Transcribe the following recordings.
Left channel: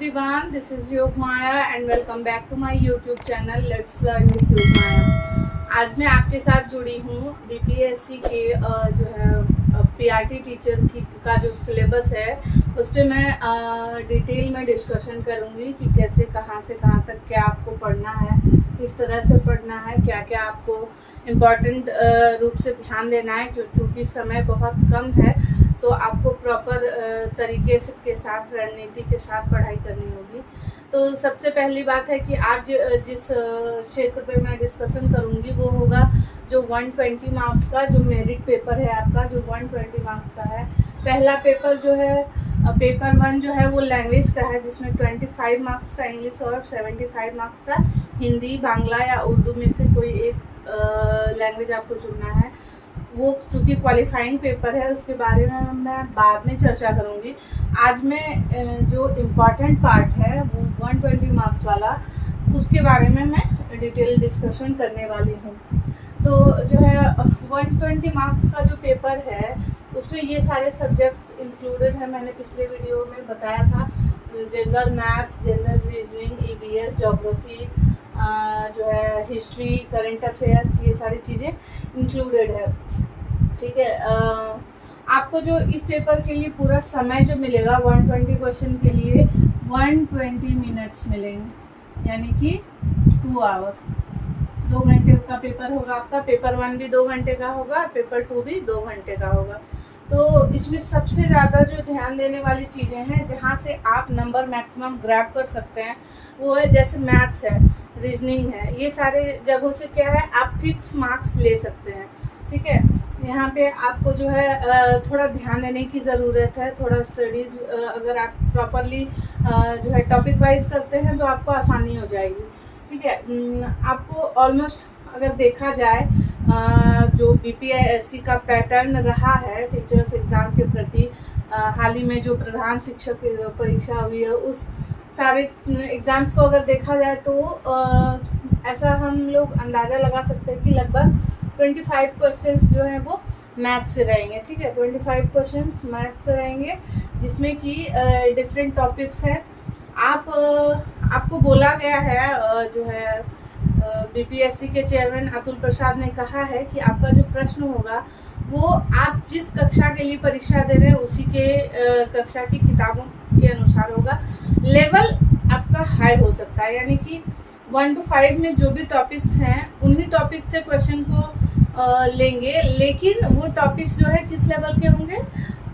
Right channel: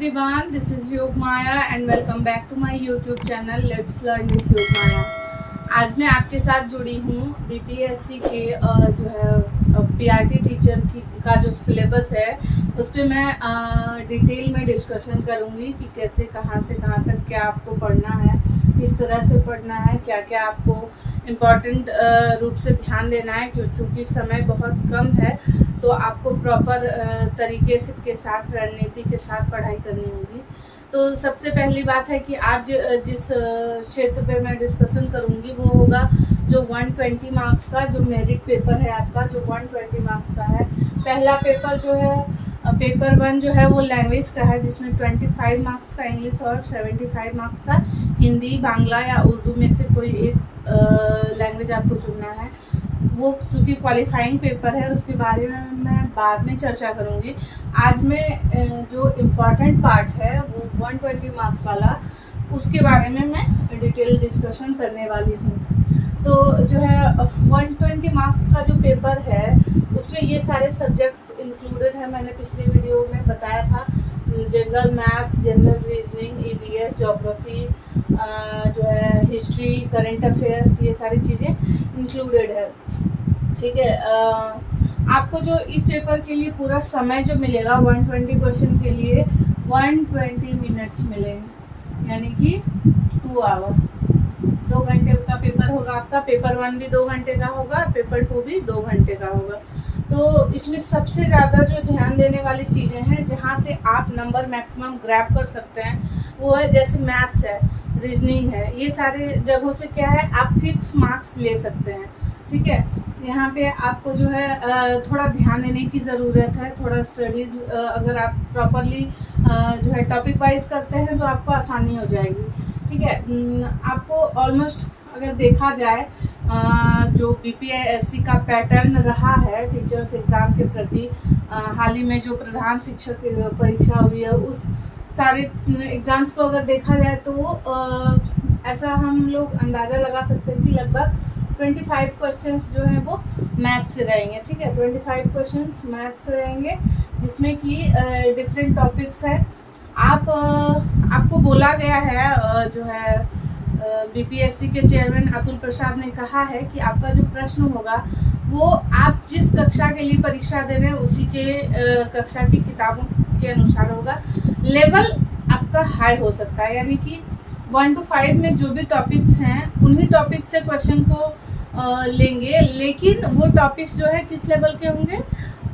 everyone, this is योग Maya and welcome back to my YouTube channel Let's Learn with योग Maya। आज मैं आपके साथ जुड़ी हूँ बीपीएससी के जो है पीआरटी टीचर का जो सिलेबस है उस पर मैं डिटेल में डिस्कशन करूँगी कि कैसे कहाँ से कहाँ तक क्या आपको पढ़ना है, किस तरह से पढ़ना है, क्या क्या आपको इम्पॉर्टेंट रूप से ध्यान देना है। क्योंकि समय बहुत कम है तो आपको प्रॉपर तरीके से के साथ रणनीति के साथ पढ़ाई करनी होगी। तो सबसे पहली बात है कि आज जिस क्षेत्र पे मैं डिस्कशन करूँगी वो होगा जो 120 मार्क्स का जो मेरिट पेपर है आपका, जो 120 मार्क्स का है। पहला पेपर जो है पेपर 1 जो है वो लैंग्वेज का है, जिसमें 25 मार्क्स का इंग्लिश और 75 मार्क्स का हिंदी, बांग्ला या उर्दू में से कोई एक लैंग्वेज आपको चुनना है। वो चूँकि क्वालिफाइंग पेपर है उसके बारे में मैं बाद में चर्चा करूँगी। आज मैं जो इम्पॉर्टेंट पार्ट है वो 120 मार्क्स वाला, उसके बारे में मैं डिटेल डिस्कशन करने वाली हूँ। तो जो है 120 मार्क्स का जो पेपर है उसमें ये सारे सब्जेक्ट्स इंक्लूडेड है। मैंने पिछले वीडियो में बताया था, general maths, general reasoning, EVS, geography, जो है हिस्ट्री, करंट अफेयर्स, ये सारी चीज़ें इंक्लूडेड है। ठीक है, आपको जो इस पेपर के लिए पूरा समय जो मिलेगा 120 क्वेश्चन के लिए 120 मिनट्स मिलेंगे, यानी कि 2 आवर, 2 घंटे का पेपर होगा आपका। पेपर 1 भी 2 घंटे का होगा, पेपर 2 भी 2 घंटे का होगा। तो इसमें सबसे ज़्यादा जो ध्यान देने वाली चीज़ें हैं जहाँ से आप नंबर मैक्सिमम ग्रैब कर सकते हैं वो है, जैसे मैथ्स है, रीजनिंग है, ये सारे जगहों से क्या है आप फिक्स मार्क्स ले सकते हैं। ठीक है, यहाँ पे आपको जो है थोड़ा ध्यान देने की ज़रूरत है, थोड़ा स्टडीज़ अगर आप प्रॉपरली जो है टॉपिक वाइज करते हैं तो आपको आसानी हो जाएगी। ठीक है, आपको ऑलमोस्ट अगर देखा जाए जो बीपीएससी का पैटर्न रहा है टीचर्स एग्ज़ाम के प्रति, हाल ही में जो प्रधान शिक्षक परीक्षा हुई है उस सारे एग्ज़ाम्स को अगर देखा जाए तो ऐसा हम लोग अंदाज़ा लगा सकते हैं कि लगभग 25 क्वेश्चंस जो हैं वो मैथ से रहेंगे। ठीक है, 25 क्वेश्चंस मैथ से रहेंगे, जिसमें कि डिफरेंट टॉपिक्स हैं। आपको बोला गया है जो है बीपीएससी के चेयरमैन अतुल प्रसाद ने कहा है कि आपका जो प्रश्न होगा वो आप जिस कक्षा के लिए परीक्षा दे रहे हैं उसी के कक्षा की किताबों के अनुसार होगा। लेवल आपका हाई हो सकता है, यानी कि 1 to 5 में जो भी टॉपिक्स हैं उन्हीं टॉपिक से क्वेश्चन को लेंगे, लेकिन वो टॉपिक्स जो है किस लेवल के होंगे,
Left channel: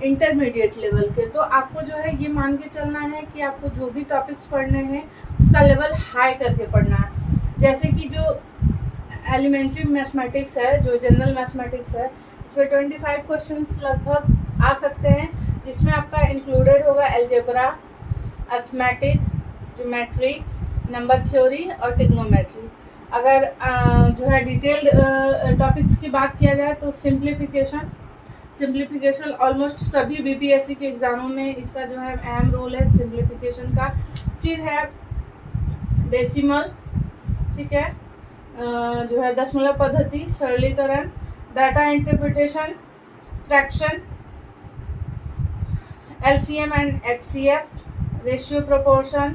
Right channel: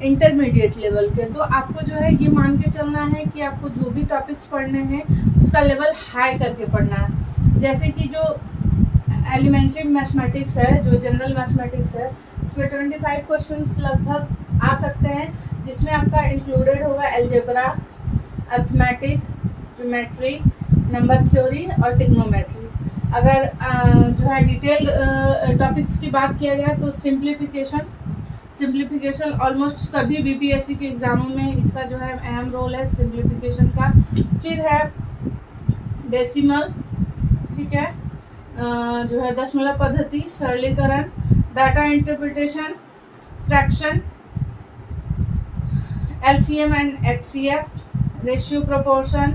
इंटरमीडिएट लेवल के। तो आपको जो है ये मान के चलना है कि आपको जो भी टॉपिक्स पढ़ने हैं उसका लेवल हाई करके पढ़ना है। जैसे कि जो एलिमेंट्री मैथमेटिक्स है, जो जनरल मैथमेटिक्स है, इसमें 25 क्वेश्चंस लगभग आ सकते हैं, जिसमें आपका इंक्लूडेड होगा algebra, arithmetic, geometry, number theory और ट्रिग्नोमेट्री। अगर जो है डिटेल टॉपिक्स की बात किया जाए तो सिंप्लीफिकेशन ऑलमोस्ट सभी बीपीएससी के एग्जामों में इसका जो है अहम रोल है सिंप्लीफिकेशन का। फिर है डेसिमल, ठीक है, जो है दशमलव पद्धति, सरलीकरण, data interpretation, fraction, LCM and HCF, ratio proportion,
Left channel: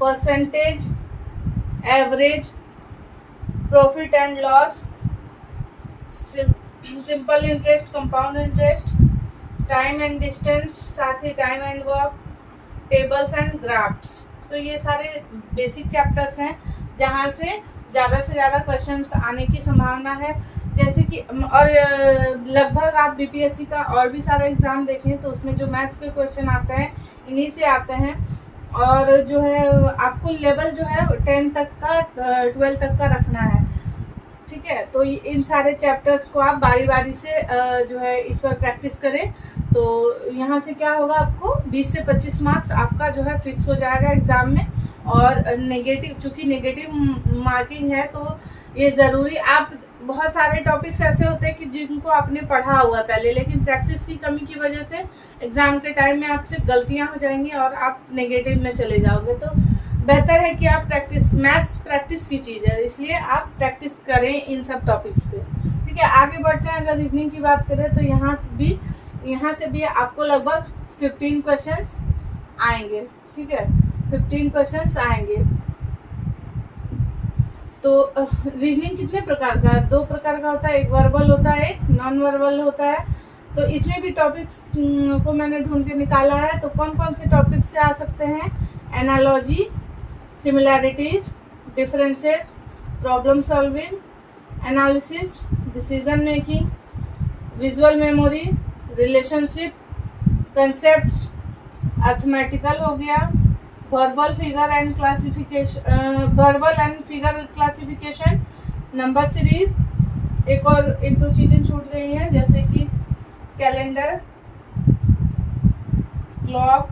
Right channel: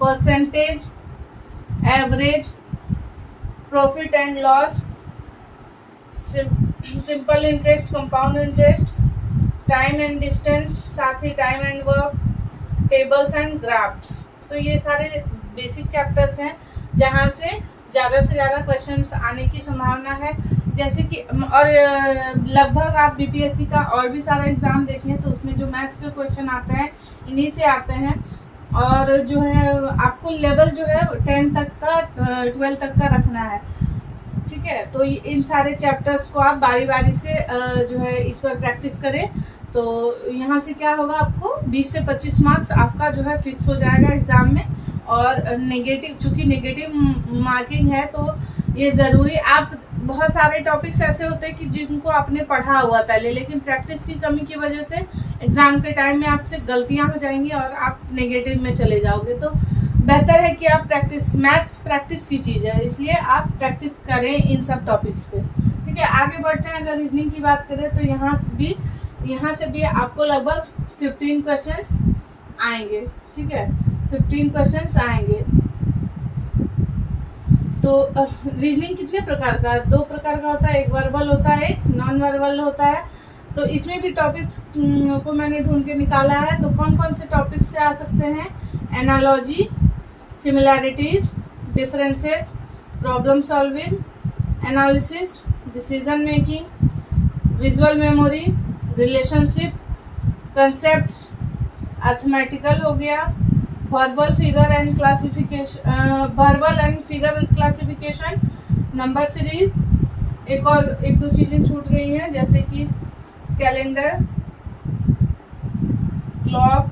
percentage, average, profit and loss, simple interest, compound interest, time and distance, साथ ही time and work, tables and graphs. तो ये सारे बेसिक चैप्टर्स हैं जहाँ से ज़्यादा क्वेश्चंस आने की संभावना है। जैसे कि और लगभग आप बीपीएससी का और भी सारा एग्ज़ाम देखें तो उसमें जो मैथ्स के क्वेश्चन आते हैं इन्हीं से आते हैं। और जो है आपको लेवल जो है 10 तक का 12 तक का रखना है। ठीक है, तो इन सारे चैप्टर्स को आप बारी बारी से जो है इस पर प्रैक्टिस करें तो यहाँ से क्या होगा, आपको 20 से 25 मार्क्स आपका जो है फिक्स हो जाएगा एग्ज़ाम में। और नेगेटिव, चूँकि नेगेटिव मार्किंग है तो ये ज़रूरी, आप बहुत सारे टॉपिक्स ऐसे होते हैं कि जिनको आपने पढ़ा हुआ पहले, लेकिन प्रैक्टिस की कमी की वजह से एग्ज़ाम के टाइम में आपसे गलतियां हो जाएंगी और आप नेगेटिव में चले जाओगे। तो बेहतर है कि आप मैथ्स प्रैक्टिस की चीज़ है, इसलिए आप प्रैक्टिस करें इन सब टॉपिक्स पे। ठीक है, आगे बढ़ते हैं। अगर रीजनिंग की बात करें तो यहाँ से भी आपको लगभग 15 क्वेश्चंस आएंगे। ठीक है, 15 क्वेश्चंस आएंगे। तो रीजनिंग कितने प्रकार का है? 2 प्रकार का होता है, एक वर्बल होता है, एक नॉन वर्बल होता है। तो इसमें भी टॉपिक्स को मैंने ढूंढ के निकाला है। तो कौन कौन से टॉपिक्स से आ सकते हैं? Analogy, similarities, differences, problem solving, analysis, decision making, visual memory, relationship, concepts, arithmetical हो गया, verbal figure and classification, verbal and figure classification, number series, एक दो चीजें छूट गई हैं जैसे कि कैलेंडर, क्लॉक,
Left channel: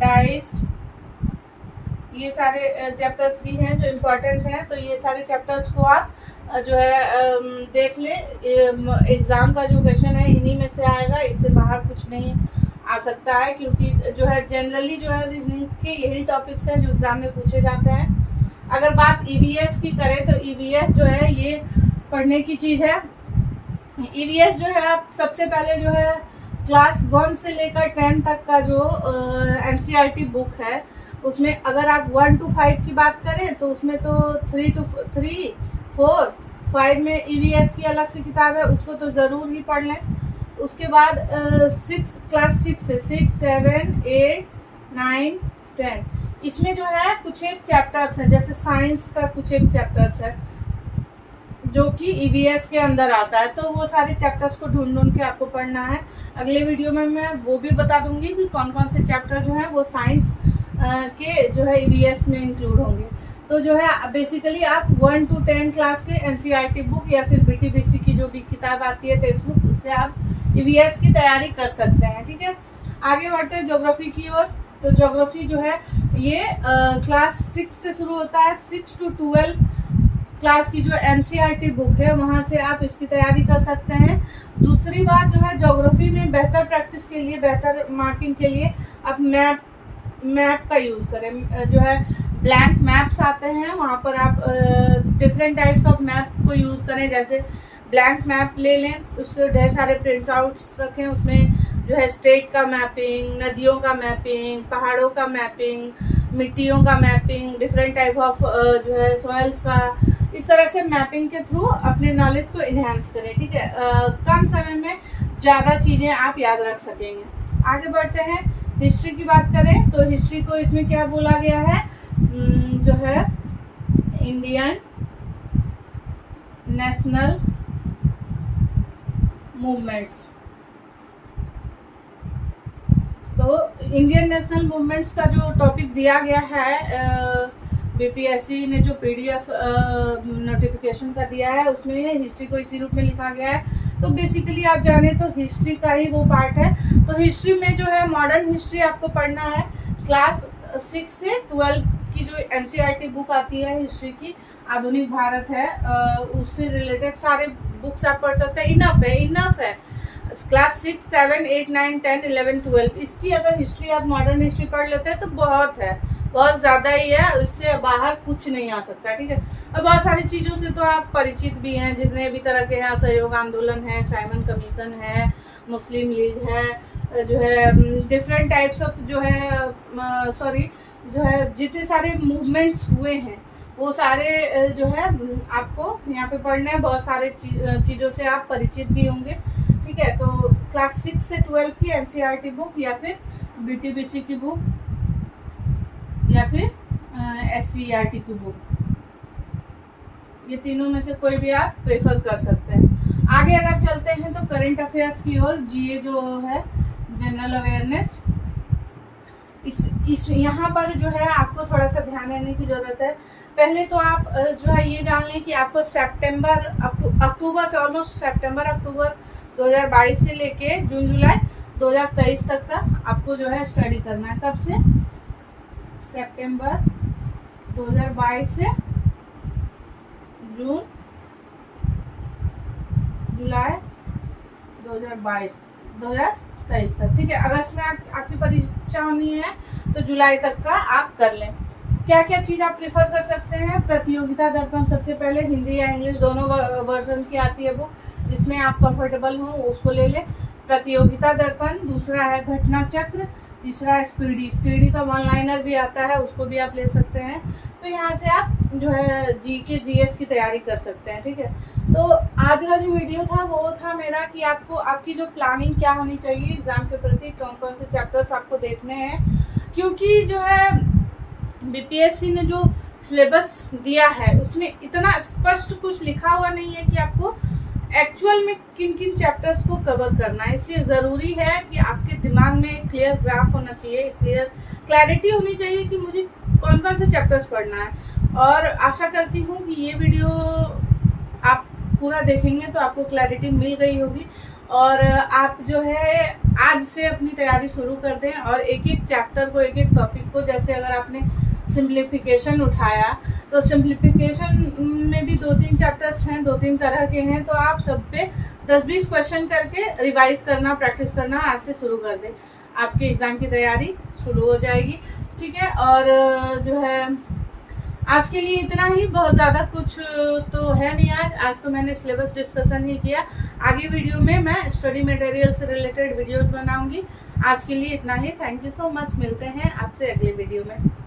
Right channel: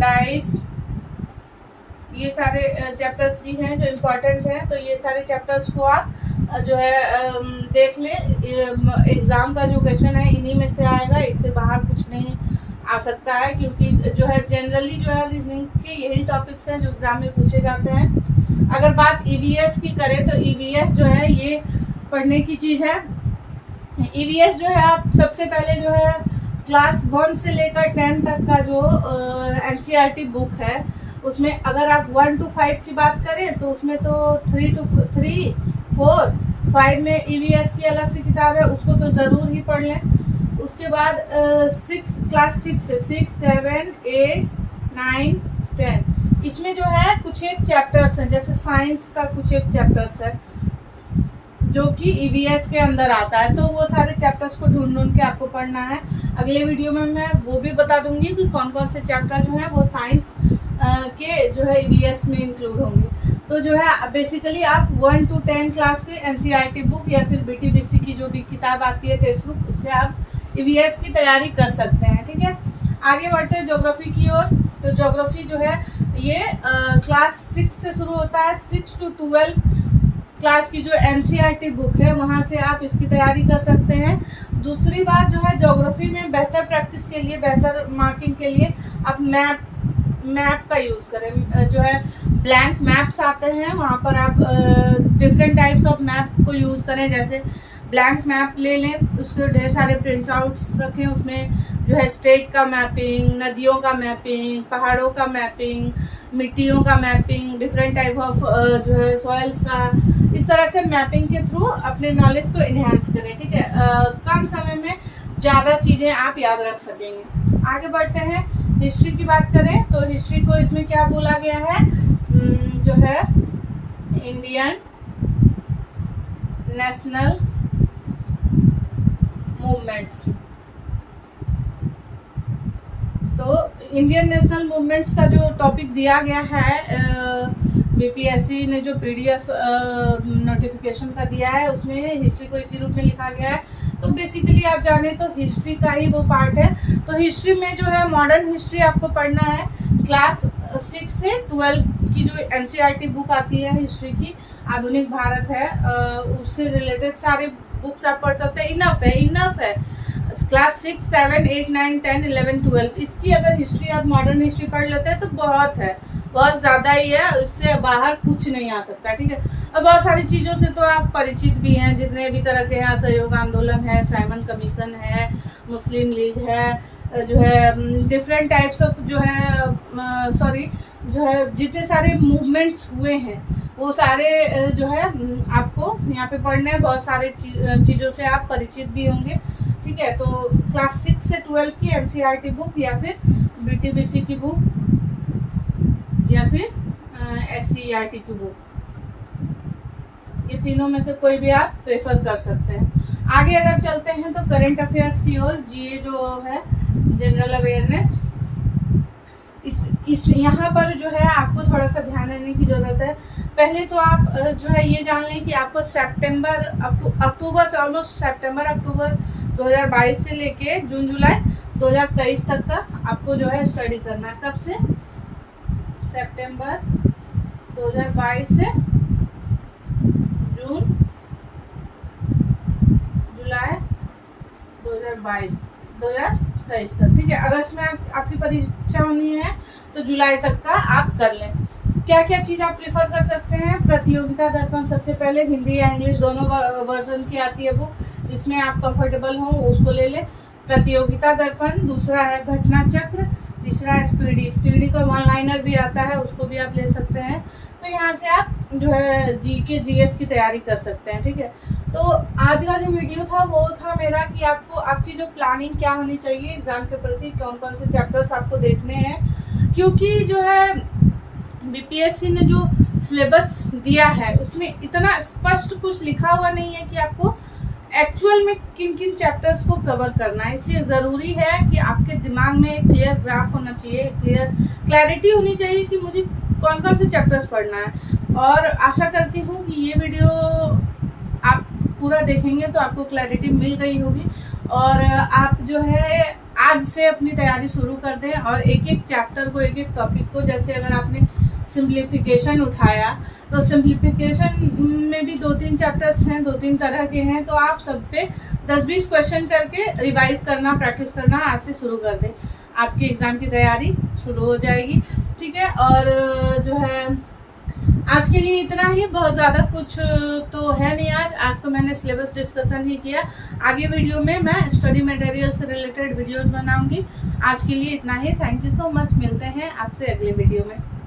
डाइस, ये सारे चैप्टर्स भी हैं जो इम्पोर्टेंट हैं। तो ये सारे चैप्टर्स को आप जो है देख लें। एग्जाम का जो क्वेश्चन है इन्हीं में से आएगा, इससे बाहर कुछ नहीं आ सकता है, क्योंकि जो है जनरली जो है रीजनिंग के यही टॉपिक्स हैं जो एग्जाम में पूछे जाते हैं। अगर बात ईवीएस की करें तो ईवीएस जो है ये पढ़ने की चीज़ है। ईवीएस जो है आप सबसे पहले जो है क्लास 1 से लेकर 10 तक का जो एनसीईआरटी बुक है उसमें अगर आप 1 to 5 की बात करें तो उसमें तो 3 to 3, 4, 5 में ईवीएस की अलग से किताब है, उसको तो ज़रूर ही पढ़ लें। उसके बाद क्लास 6 से 6, 7, 8, 9, 10 इसमें जो है कुछ एक चैप्टर्स हैं, जैसे साइंस का कुछ एक चैप्टर्स है जो कि ईवीएस के अंदर आता है। तो वो सारे चैप्टर्स को ढूंढ के आपको पढ़ना है। अगले वीडियो में मैं वो भी बता दूंगी कि कौन कौन से चैप्टर जो हैं वो साइंस के जो है ईवीएस में इंक्लूड होंगे। तो जो है बेसिकली आप 1 to 10 क्लास के एनसीईआरटी बुक या फिर बीटीबीसी की जो भी किताब आती है टेक्स्ट बुक, उससे आप ईवीएस की तैयारी कर सकते हैं। ठीक है, आगे बढ़ते हैं ज्योग्राफी की ओर। तो ज्योग्राफी जो है ये क्लास 6 से शुरू होता है। 6 to 12 क्लास की जो एनसीईआरटी बुक है वहाँ से आप इसकी तैयारी कर सकते हैं। दूसरी बात जो है ज्योग्राफी में बेहतर प्रैक्टिस के लिए, बेहतर मार्किंग के लिए आप मैप का यूज़ करें। जो है ब्लैंक मैप्स आते हैं, वहाँ पर आप डिफरेंट टाइप्स ऑफ मैप को यूज़ करें। जैसे ब्लैंक मैप ले लें, उसके ढेर सारे प्रिंट आउट्स रखें, उसमें जो है स्टेट का मैपिंग, नदियों का मैपिंग, पहाड़ों का मैपिंग, मिट्टियों का मैपिंग, डिफरेंट टाइप ऑफ जो है सॉइल्स का, इस तरह से मैपिंग के थ्रू अपने नॉलेज को इन्हेंस करें। ठीक है, कम समय में ज़्यादा चीज़ें आप याद रख सकेंगे। आगे बढ़ते हैं, हिस्ट्री की बात करें तो हिस्ट्री को इसमें क्या बोला गया है, जो है इंडियन नेशनल मूवमेंट्स। तो इंडियन नेशनल मूवमेंट्स का जो टॉपिक दिया गया है बीपीएससी ने जो पीडीएफ नोटिफिकेशन का दिया है उसमें हिस्ट्री को इसी रूप में लिखा गया है। तो बेसिकली आप जाने तो हिस्ट्री का ही वो पार्ट है। तो हिस्ट्री में जो है मॉडर्न हिस्ट्री आपको पढ़ना है। क्लास 6 से 12 की जो एनसीईआरटी बुक आती है हिस्ट्री की, आधुनिक भारत है, उससे रिलेटेड सारे बुक्स आप पढ़ सकते हैं। इनफ है। क्लास 6, 7, 8, 9, 10, 11, 12 इसकी अगर हिस्ट्री आप मॉडर्न हिस्ट्री पढ़ लेते हैं तो बहुत है, बहुत ज़्यादा ही है, इससे बाहर कुछ नहीं आ सकता। ठीक है, और बहुत सारी चीज़ों से तो आप परिचित भी हैं, जितने भी तरह के हैं, असहयोग आंदोलन है, साइमन कमीशन है, मुस्लिम लीग है, जो है डिफरेंट टाइप्स ऑफ जो है जो है जितने सारे मूवमेंट्स हुए हैं वो सारे जो है आपको यहाँ पे पढ़ने हैं। बहुत सारे चीज़ों से आप परिचित भी होंगे। ठीक है, तो क्लास 6 से 12 की एनसीईआरटी बुक या फिर बीटीबीसी की बुक या फिर एससीईआरटी की बुक, ये तीनों में से कोई भी आप प्रेफर कर सकते हैं। आगे अगर चलते हैं तो करंट अफेयर्स की ओर, जीए जो है जनरल अवेयरनेस, इस यहाँ पर जो है आपको थोड़ा सा ध्यान देने की ज़रूरत है। पहले तो आप जो है ये जान लें कि आपको अक्टूबर से ऑलमोस्ट सितंबर अक्टूबर 2022 से लेके जून जुलाई 2023 तक का आपको जो है स्टडी करना है। कब से? सितंबर 2022 से जून जुलाई 2023 तक। ठीक है, अगस्त में आपकी परीक्षा होनी है तो जुलाई तक का आप कर लें। क्या क्या चीज़ आप प्रेफर कर सकते हैं? प्रतियोगिता दर्पण सबसे पहले, हिंदी या इंग्लिश दोनों वर्जन की आती है बुक, जिसमें आप कंफर्टेबल हो उसको ले लें। प्रतियोगिता दर्पण। दूसरा है घटना चक्र, तीसरा स्पीडी का वन लाइनर भी आता है, उसको भी आप ले सकते हैं। तो यहाँ से आप जो है जीके जीएस की तैयारी कर सकते हैं, ठीक है। तो आज का जो वीडियो था वो था मेरा कि आपको आपकी जो प्लानिंग क्या होनी चाहिए एग्जाम के प्रति, कौन कौन से चैप्टर्स आपको देखने हैं, क्योंकि जो है बीपीएससी ने जो सिलेबस दिया है उसमें इतना स्पष्ट कुछ लिखा हुआ नहीं है कि आपको एक्चुअल में किन किन चैप्टर्स को कवर करना है। इसलिए ज़रूरी है कि आपके दिमाग में एक क्लियर ग्राफ होना चाहिए, क्लैरिटी होनी चाहिए कि मुझे कौन कौन से चैप्टर्स पढ़ना है। और आशा करती हूँ कि ये वीडियो आप पूरा देखेंगे तो आपको क्लैरिटी मिल गई होगी और आप जो है आज से अपनी तैयारी शुरू कर दें और एक एक चैप्टर को, एक एक टॉपिक को, जैसे अगर आपने सिंप्लीफिकेशन उठाया तो सिंप्लीफिकेशन में भी 2-3 चैप्टर्स हैं, 2-3 तरह के हैं, तो आप सब पे 10-20 क्वेश्चन करके रिवाइज करना, प्रैक्टिस करना आज से शुरू कर दें। आपके एग्ज़ाम की तैयारी शुरू हो जाएगी, ठीक है। और जो है आज के लिए इतना ही, बहुत ज़्यादा कुछ तो है नहीं। आज तो मैंने सिलेबस डिस्कशन ही किया। आगे वीडियो में मैं स्टडी मटेरियल से रिलेटेड वीडियोस बनाऊंगी। आज के लिए इतना ही। Thank you so much. मिलते हैं आपसे अगले वीडियो में।